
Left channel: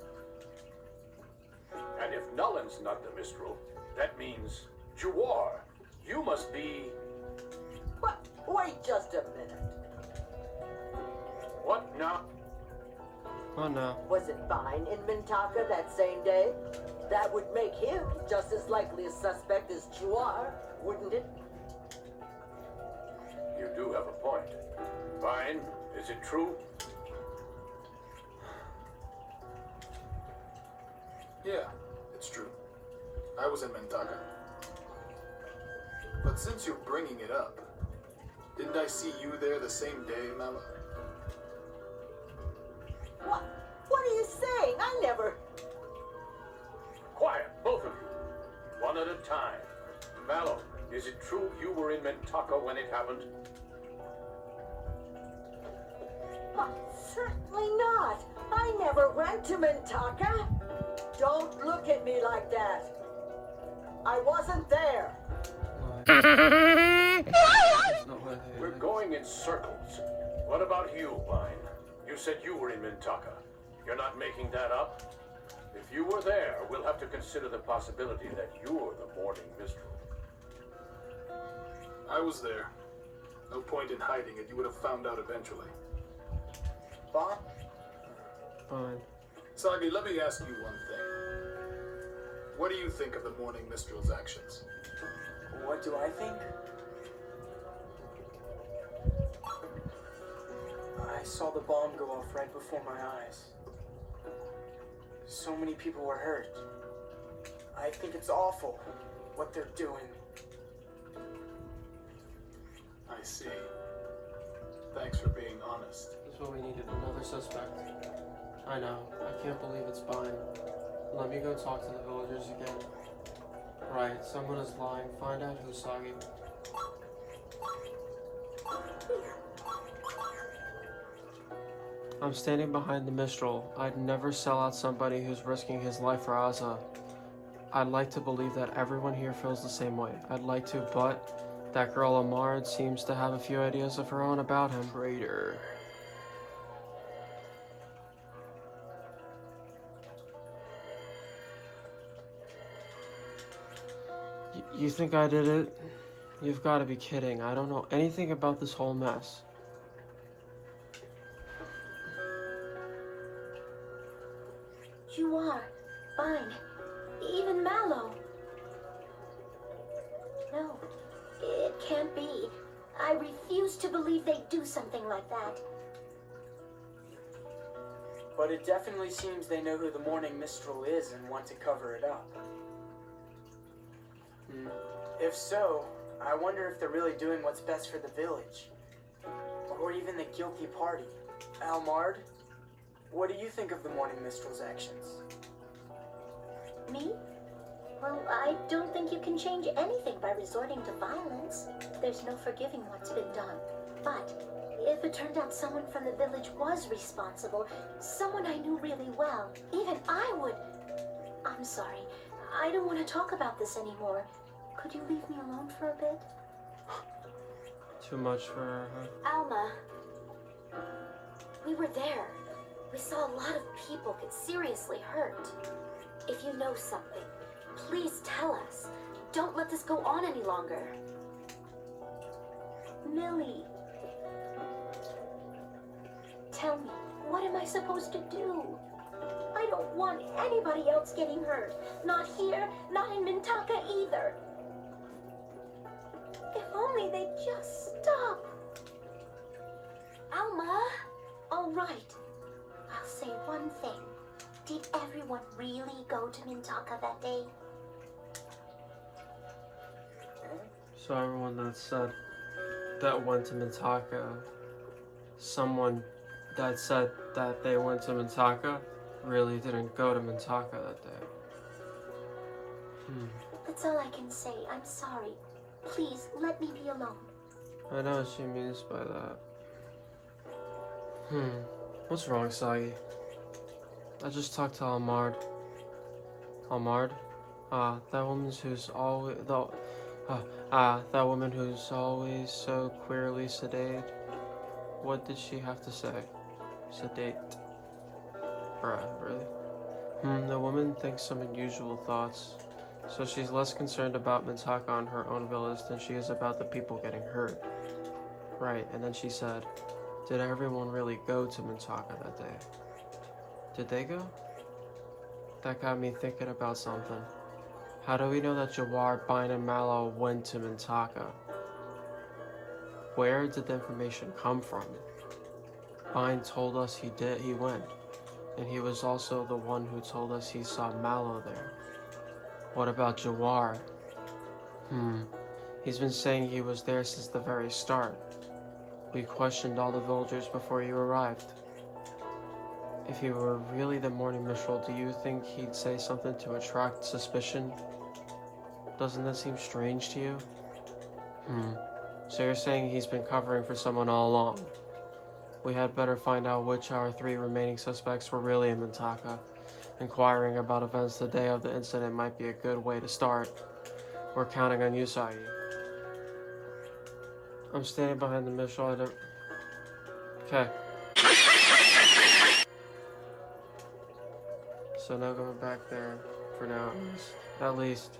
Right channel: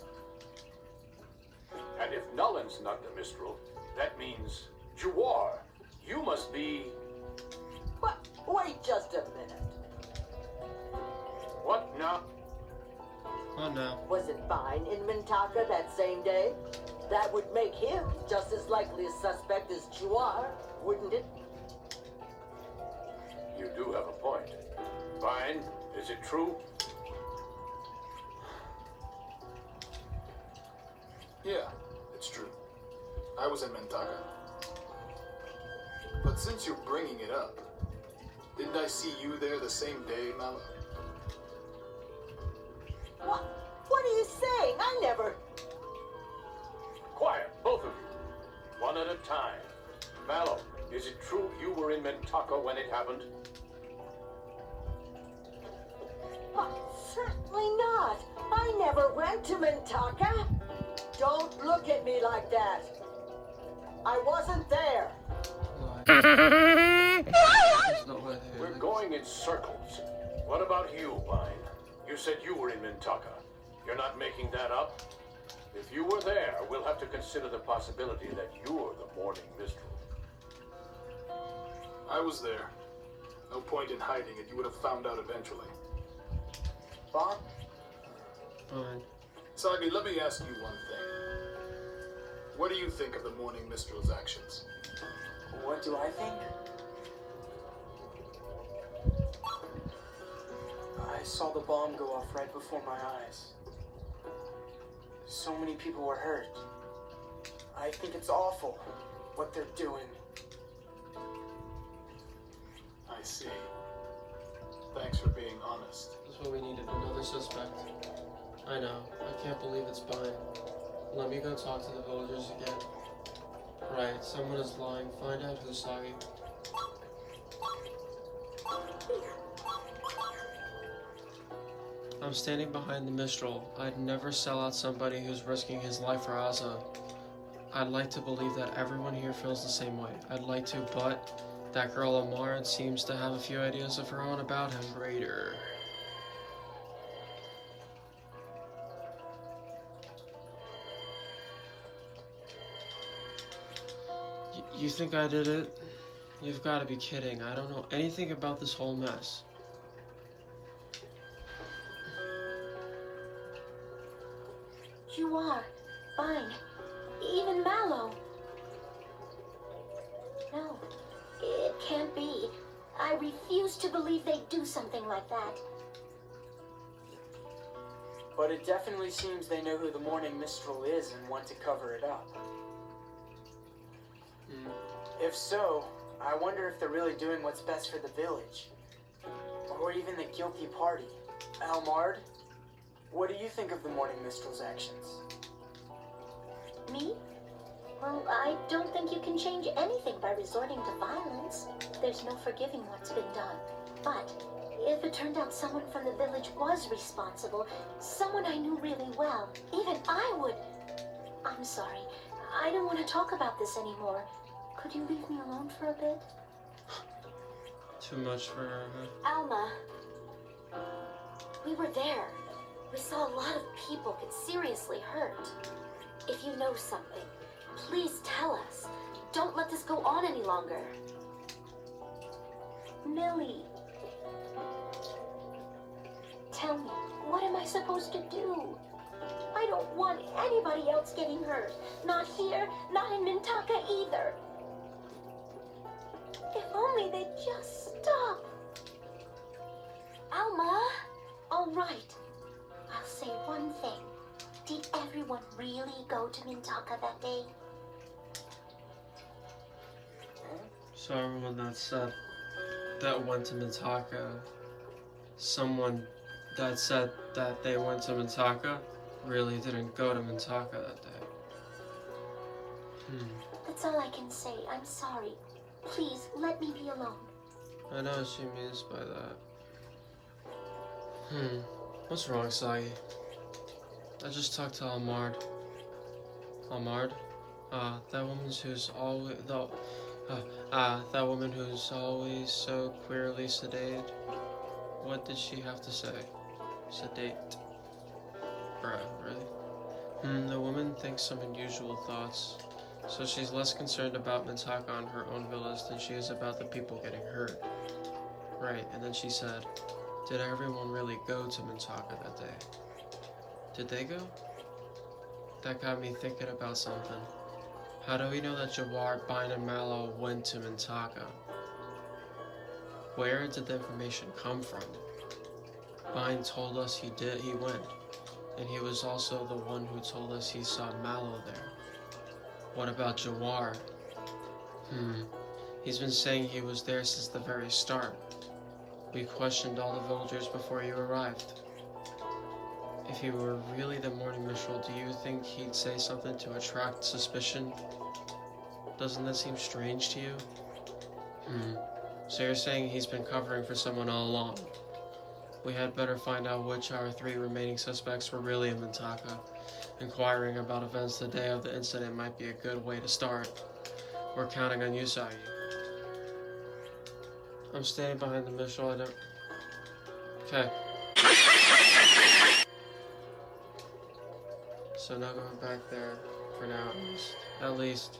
And if Nolan's not the Mistral, that means Juar, you must be... But wait just a minute. What now? Oh no. Was it fine in Mintaka that same day? That would make him just as likely a suspect as Juar, wouldn't it? You do have a point. Fine. Is it true? Yeah, it's true. I was in Mintaka. But since you're bringing it up, didn't I see you there the same day, Mallow? What are you saying? I never... Quiet, both of you. One at a time. Mallow, is it true you were in Mintaka when it happened? Certainly not. I never went to Mintaka. Don't look at me like that. I wasn't there. There's no way here. We're going in circles. What about you, Vine? You said you were in Mintaka. You're not making that up? If you were there, we'll have to consider the possibility that you're the Morning Mistral. I was there. No point in hiding it. You would have found out eventually. Bob? Fine. Sagi, let me ask you one thing. What do you think of the Morning Mistral's actions? What do I think? I saw the bomb go off right before my eyes. So many people were hurt. I think it's awful what they're doing. I see. Thanks for being honest. This is what we needed, another suspect. I know. I can't believe it's Baten. Let me go talk to the villagers again. Right, someone is lying. Find out who's Sagi. I'm standing behind the Mistral. I'd never sell out somebody who's risking his life for Asa. I'd like to believe that everyone here feels the same way. I'd like to, but that girl Amard seems to have a few ideas of her own about him. Raider. You think I did it? You've got to be kidding. I don't know anything about this whole mess. You are. Fine. Even Mallow. No. It can't be. I refuse to believe they'd do something like that. But it definitely seems they know who the Morning Mistral is and want to cover it up. If so, I wonder if they're really doing what's best for the village. Or even the guilty party. Almard, what do you think of the Morning Mistral's actions? Me? Well, I don't think you can change anything by resorting to violence. There's no forgiving what's been done. But if it turned out someone from the village was responsible, someone I knew really well, even I would... I'm sorry. I don't want to talk about this anymore. Could you leave me alone for a bit? Too much for her, huh? Alma. We were there. We saw a lot of people get seriously hurt. If you know something, please tell us. Don't let this go on any longer. Millie. Tell me, what am I supposed to do? I don't want anybody else getting hurt. Not here, not in Mintaka either. If only they'd just stop. Alma. All right. I'll say one thing. Did everyone really go to Mintaka that day? So everyone that went to Mintaka, someone that said that they went to Mintaka really didn't go to Mintaka that day. That's all I can say. I'm sorry. Please, let me be alone. I know what she means by that. What's wrong, Sagi? I just talked to Almard. Almard? That woman who's always that woman who's always so queerly sedated. What did she have to say? Sedate. Bruh, really? The woman thinks some unusual thoughts. So she's less concerned about Mintaka on her own village than she is about the people getting hurt. Right, and then she said, did everyone really go to Mintaka that day? Did they go? That got me thinking about something. How do we know that Jawar, Baten, and Mallow went to Mintaka? Where did the information come from? Baten told us he went, and he was also the one who told us he saw Mallow there. What about Jawar? He's been saying he was there since the very start. We questioned all the villagers before you arrived. If he were really the Morning Mistral, do you think he'd say something to attract suspicion? Doesn't that seem strange to you? So you're saying he's been covering for someone all along? We had better find out which our 3 remaining suspects were really in Mintaka. Inquiring about events the day of the incident might be a good way to start. We're counting on you, Sagi. I'm staying behind the Mistral. I don't... Okay. So now going back there for now at least. At least.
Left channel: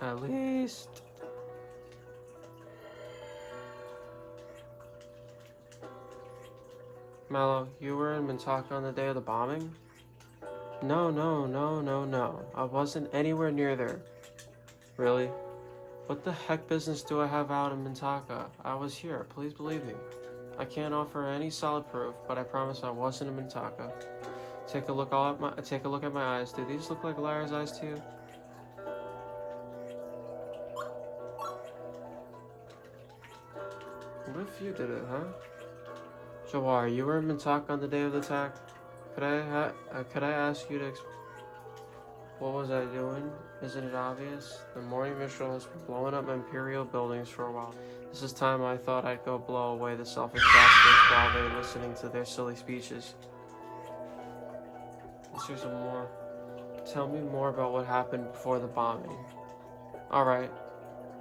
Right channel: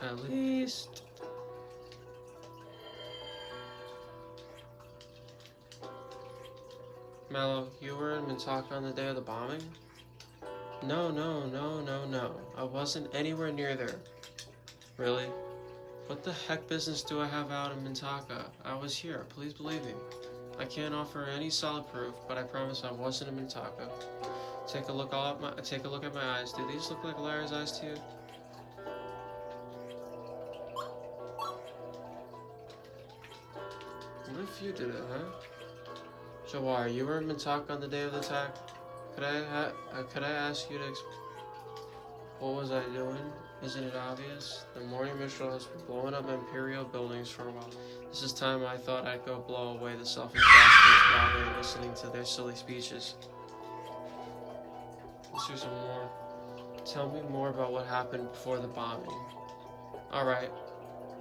At least. Mallow, you were in Mintaka on the day of the bombing? No. I wasn't anywhere near there. Really? What the heck business do I have out in Mintaka? I was here, please believe me. I can't offer any solid proof, but I promise I wasn't in Mintaka. Take a look at my eyes. Do these look like liar's eyes to you? What if you did it, huh? Jawar, you were in Mintaka on the day of the attack. Could I ask you to what was I doing? Isn't it obvious? The morning Mistral has been blowing up Imperial buildings for a while. This is time I thought I'd go blow away the selfish bastards while they're listening to their silly speeches. Let's do some more. Tell me more about what happened before the bombing. Alright.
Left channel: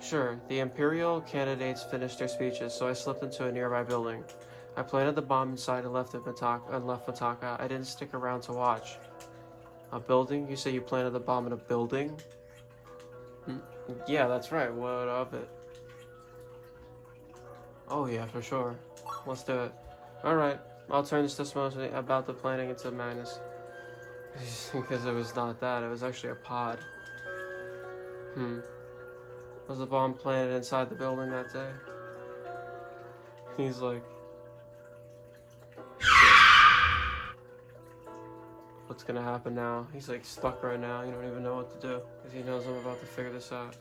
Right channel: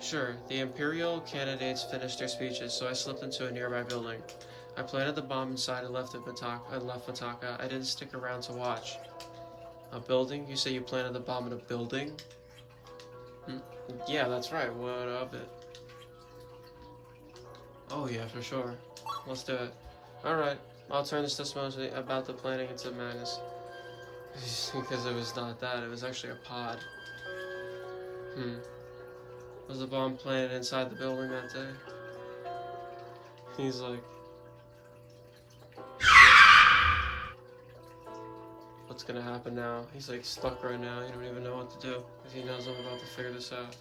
Sure, the Imperial candidates finished their speeches, so I slipped into a nearby building. I planted the bomb inside and left Mitaka. I didn't stick around to watch. A building? You say you planted the bomb in a building? Yeah, that's right. What of it? Oh yeah, for sure. Let's do it. Alright, I'll turn this testimony about the planning into madness. Because it was not that, it was actually a pod. Was the bomb planted inside the building that day? He's like... What's gonna happen now? He's like stuck right now, he don't even know what to do. Because he knows I'm about to figure this out.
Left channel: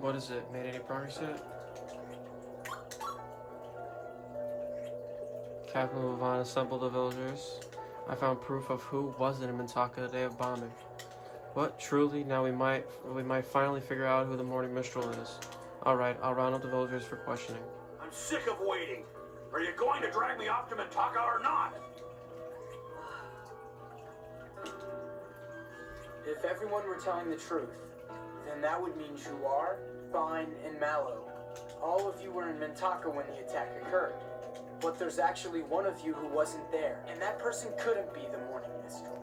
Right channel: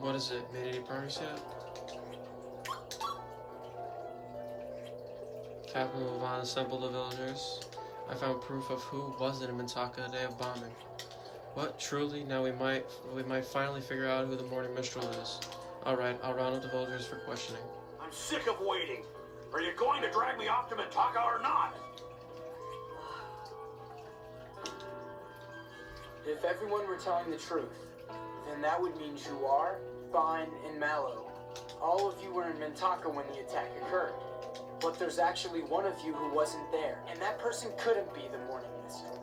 What is it? Made any progress yet? Captain Levon assembled the villagers. I found proof of who wasn't in Mintaka the day of bombing. What? Truly? Now we might finally figure out who the Morning Mistral is. Alright, I'll round up the villagers for questioning. I'm sick of waiting. Are you going to drag me off to Mintaka or not? If everyone were telling the truth, then that would mean Juar, Fine, and Mallow. All of you were in Mintaka when the attack occurred. But there's actually one of you who wasn't there, and that person couldn't be the Morning Mistral.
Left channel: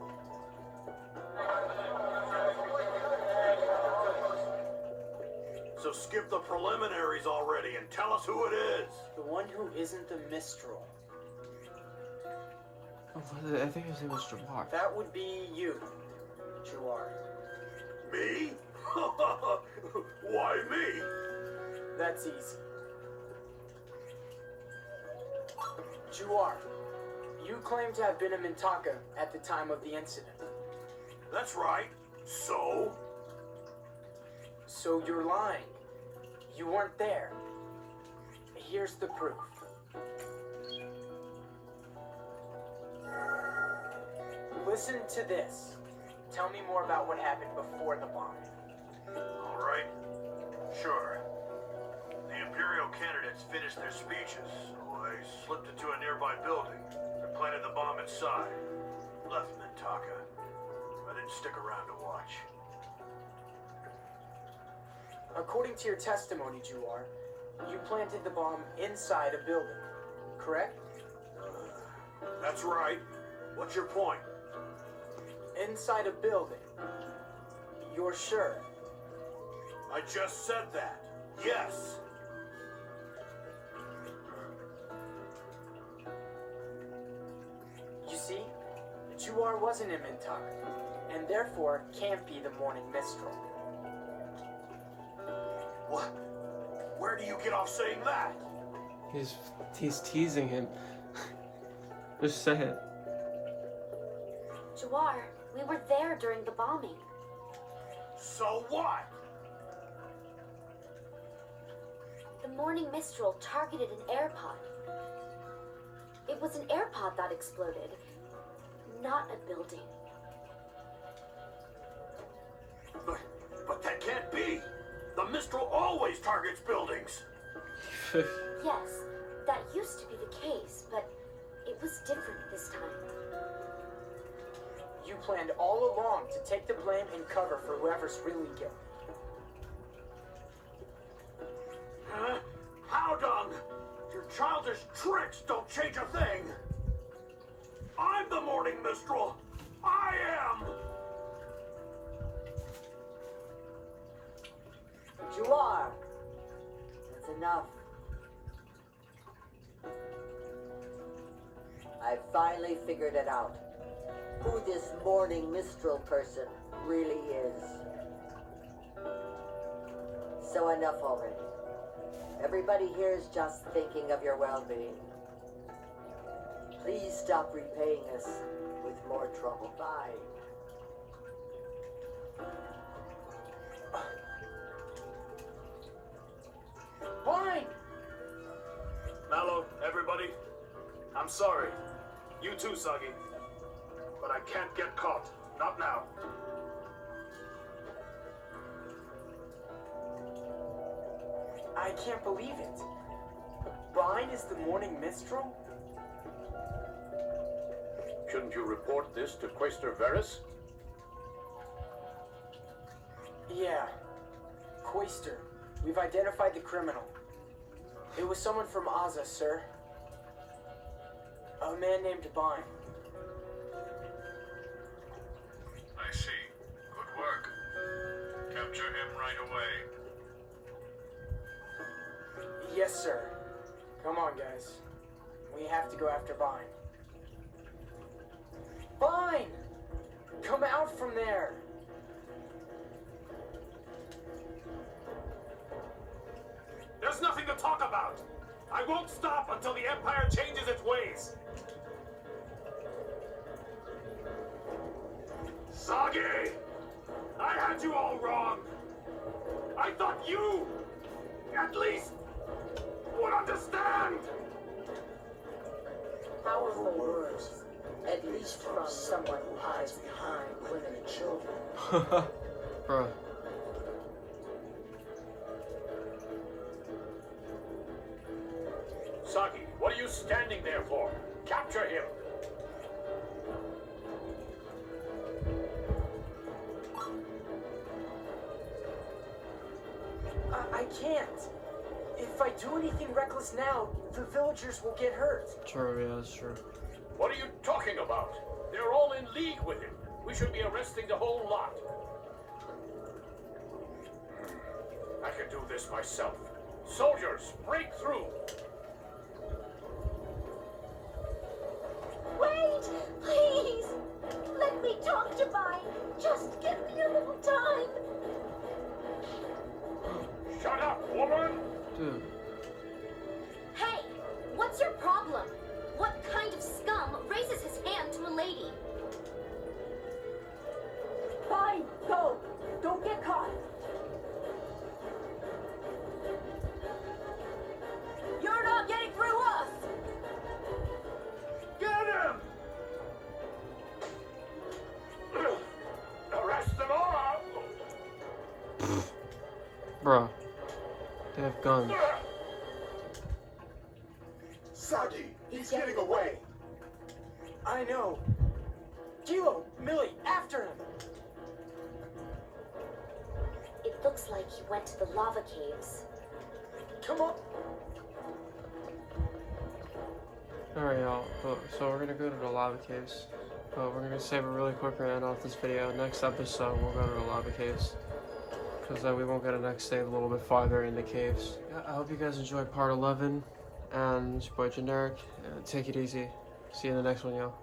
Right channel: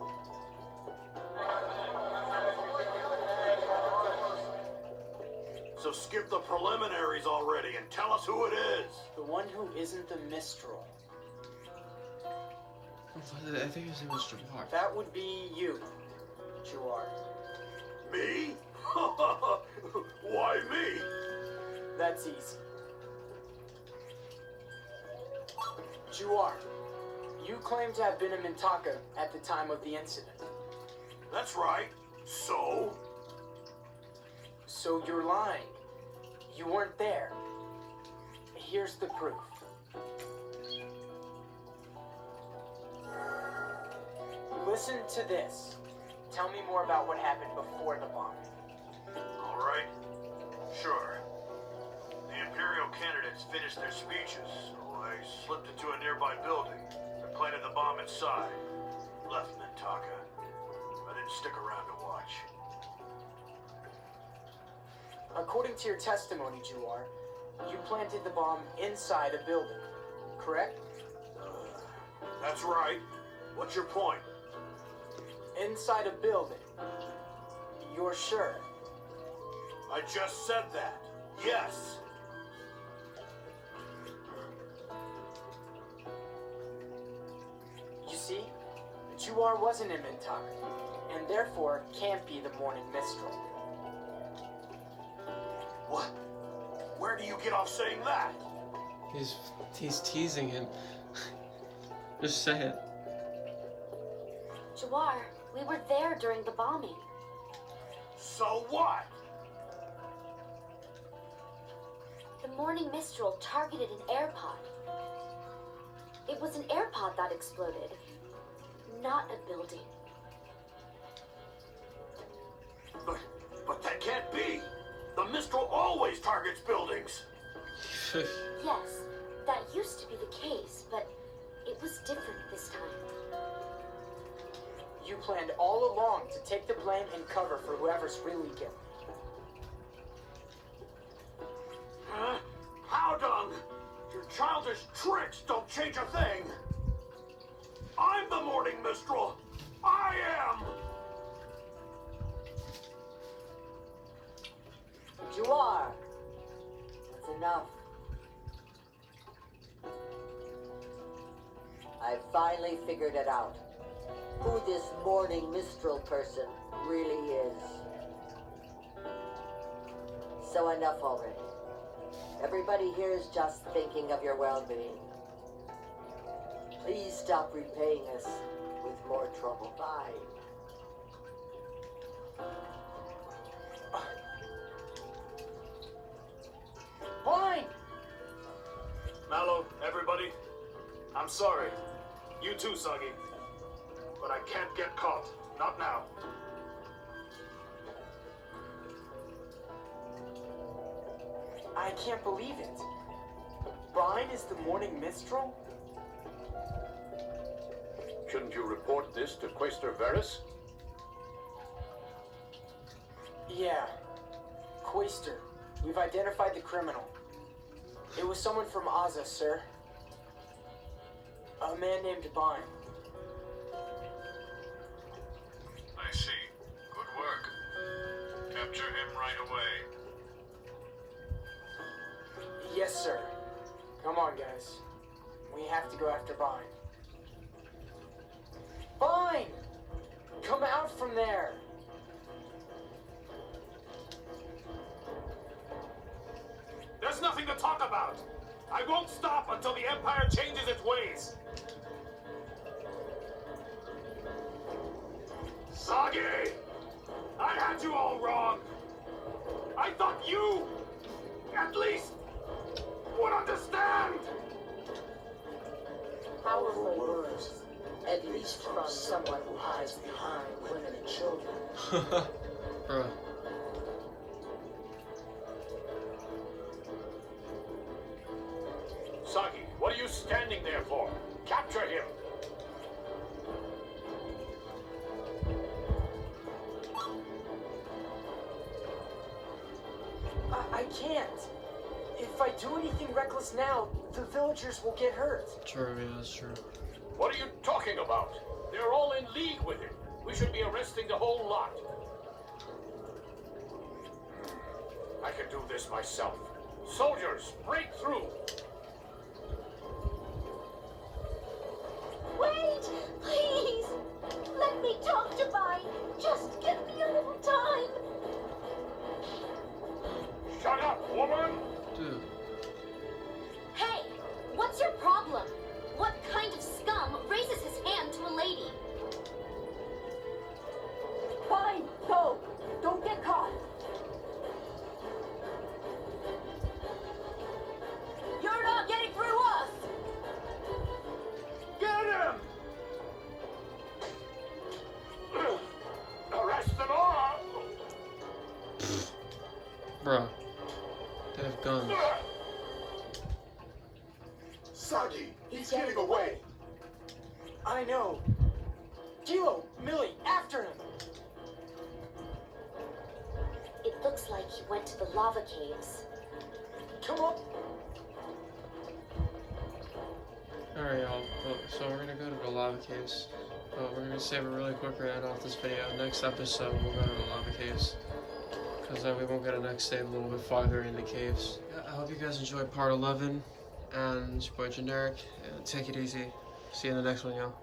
So skip the preliminaries already and tell us who it is. The one who isn't the Mistral. I think his name was Jawar. That would be you, Juar. Me? Why me? That's easy. Juar, you claim to have been in Mintaka at the time of the incident. That's right. So? So you're lying. You weren't there. Here's the proof. Listen to this. Tell me more about what happened before the bombing. All right. Sure. The Imperial candidates finished their speeches, so I slipped into a nearby building. I planted the bomb inside. Left Mintaka. I didn't stick around to watch. According to your testimony, Juar, you planted the bomb inside a building, correct? That's right. What's your point? Inside a building. You're sure? I just said that. Yes. You see, Juar wasn't in Mintaka, and therefore can't be the Morning Mistral. What? Where do you get off saying that? He's teasing him. Just say it. Jawar, we were there during the bombing. So what? The Morning Mistral targeted an air pod. It was an air pod that exploded, not a building. But that can't be. The Mistral always targets buildings. Yes, that used to be the case, but it was different this time. You planned all along to take the blame and cover for whoever's really guilty. childish tricks don't change a thing. I'm the Morning Mistral. I am. You are. That's enough. I finally figured it out. Who this Morning Mistral person really is. So enough already. Everybody here is just thinking of your well-being. Please stop repaying us with more trouble. Bye. Blind! Mallow, everybody, I'm sorry. You too, Soggy. But I can't get caught. Not now. I can't believe it. Brian is the Morning Mistral? Shouldn't you report this to Quaestor Varys? Yeah. Quaestor, we've identified the criminal. It was someone from Aza, sir. A man named Baten. I see. Good work. Capture him right away. Yes, sir. Come on, guys. We have to go after Baten. Baten! Come out from there! There's nothing to talk about. I won't stop until the Empire changes its ways. Soggy! I had you all wrong. I thought you, at least, would understand. Powerful words. At least from someone who hides behind women and children. Bruh. Soggy, what are you standing there for? Capture him! I can't. If I do anything reckless now, the villagers will get hurt. True, yeah, that's true. What are you talking about? They're all in league with him. We should be arresting the whole lot. I can do this myself. Soldiers, break through! Wait! Please! Let me talk to Baten! Just give me a little time! Shut up, woman! Dude. Hey! What's your problem? What kind of scum raises his hand to a lady? Fine, go. Don't get caught. You're not getting through us! Get him! Arrest them all! Bruh. They have guns. Soggy, he's getting away. I know. Kilo, Millie, after him! It looks like he went to the lava caves. Come on! Alright, y'all. So we're gonna go to the lava caves. But we're gonna save it really quick and end off this video. Next episode, we'll go to the lava caves. Because then we won't get to next stay a little bit farther in the caves. Yeah, I hope you guys enjoyed part 11. And it's your boy Generic. Take it easy. See you in the next one, y'all.